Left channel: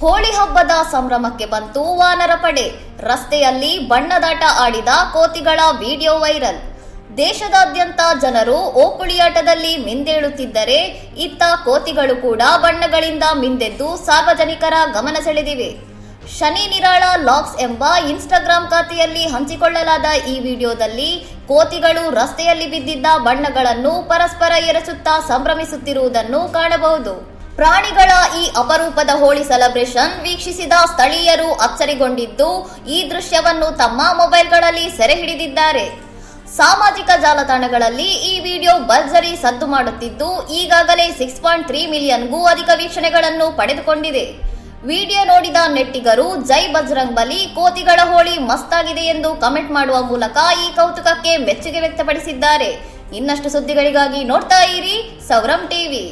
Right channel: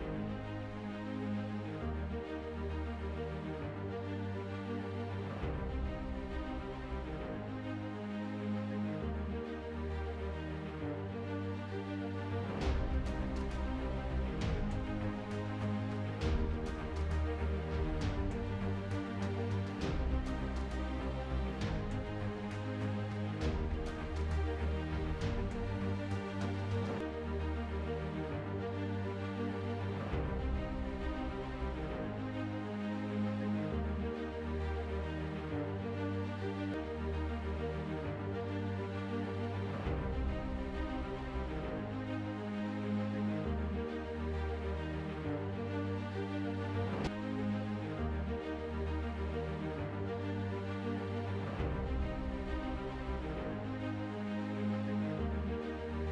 ಹೋಳಿ ಹಬ್ಬದ ಸಂಭ್ರಮಕ್ಕೆ ಬಂತು ವಾನರ ಪಡೆ. ರಸ್ತೆಯಲ್ಲಿ ಬಣ್ಣದಾಟ ಆಡಿದ ಕೋತಿಗಳ ವಿಡಿಯೋ ವೈರಲ್. ದೇಶದಾದ್ಯಂತ ಜನರು ಓಕುಳಿಯಾಟದಲ್ಲಿ ಮಿಂದೇಳುತ್ತಿದ್ದರೆ ಇತ್ತ ಕೋತಿಗಳು ಕೂಡ ಬಣ್ಣಗಳಿಂದ ಮಿಂದೆದ್ದು ಸಾರ್ವಜನಿಕರ ಗಮನ ಸೆಳೆದಿವೆ. ಶನಿ ನಿರಾಳ ಲಾಗ್ಸ್ ಎಂಬ ಇನ್ಸ್ಟಾಗ್ರಾಂ ಖಾತೆಯಲ್ಲಿ ಹಂಚಿಕೊಳ್ಳಲಾದ ಈ ವಿಡಿಯೋದಲ್ಲಿ ಕೋತಿಗಳು ರಸ್ತೆಯಲ್ಲಿ ಬಿದ್ದಿದ್ದ ಬಣ್ಣಗಳನ್ನು ಪರಸ್ಪರ ಎರಚುತ್ತಾ ಸಂಭ್ರಮಿಸುತ್ತಿರುವುದನ್ನು ಕಾಣಬಹುದು. ಪ್ರಾಣಿಗಳ ಈ ಅಪರೂಪದ ಹೋಳಿ ಸೆಲೆಬ್ರೇಷನ್ ವೀಕ್ಷಿಸಿದ ಸ್ಥಳೀಯರು ಅಚ್ಚರಿಗೊಂಡಿದ್ದು ಈ ದೃಶ್ಯವನ್ನು ತಮ್ಮ ಮೊಬೈಲ್ಗಳಲ್ಲಿ ಸೆರೆ ಹಿಡಿದಿದ್ದಾರೆ. ಸಾಮಾಜಿಕ ಜಾಲತಾಣಗಳಲ್ಲಿ ಈ ವಿಡಿಯೋ ಭರ್ಜರಿ ಸದ್ದು ಮಾಡುತ್ತಿದ್ದು ಈಗಾಗಲೇ 6.3 ಮಿಲಿಯನ್ಗೂ ಅಧಿಕ ವೀಕ್ಷಣೆಗಳನ್ನು ಪಡೆದುಕೊಂಡಿದೆ. ವಿಡಿಯೋ ನೋಡಿದ ನೆಟ್ಟಿಗರು ಜೈ ಬಜರಂಗ್ ಬಲಿ, ಕೋತಿಗಳ ಹೋಳಿ ಮಸ್ತಾಗಿದೆ ಎಂದು ಕಮೆಂಟ್ ಮಾಡುವ ಮೂಲಕ ಈ ಕೌತುಕಕ್ಕೆ ಮೆಚ್ಚುಗೆ ವ್ಯಕ್ತಪಡಿಸಿದ್ದಾರೆ. ಇನ್ನಷ್ಟು ಸುದ್ದಿಗಳಿಗಾಗಿ ನೋಡ್ತಾ ಇರಿ ಸೌರಂ ಟಿವಿ.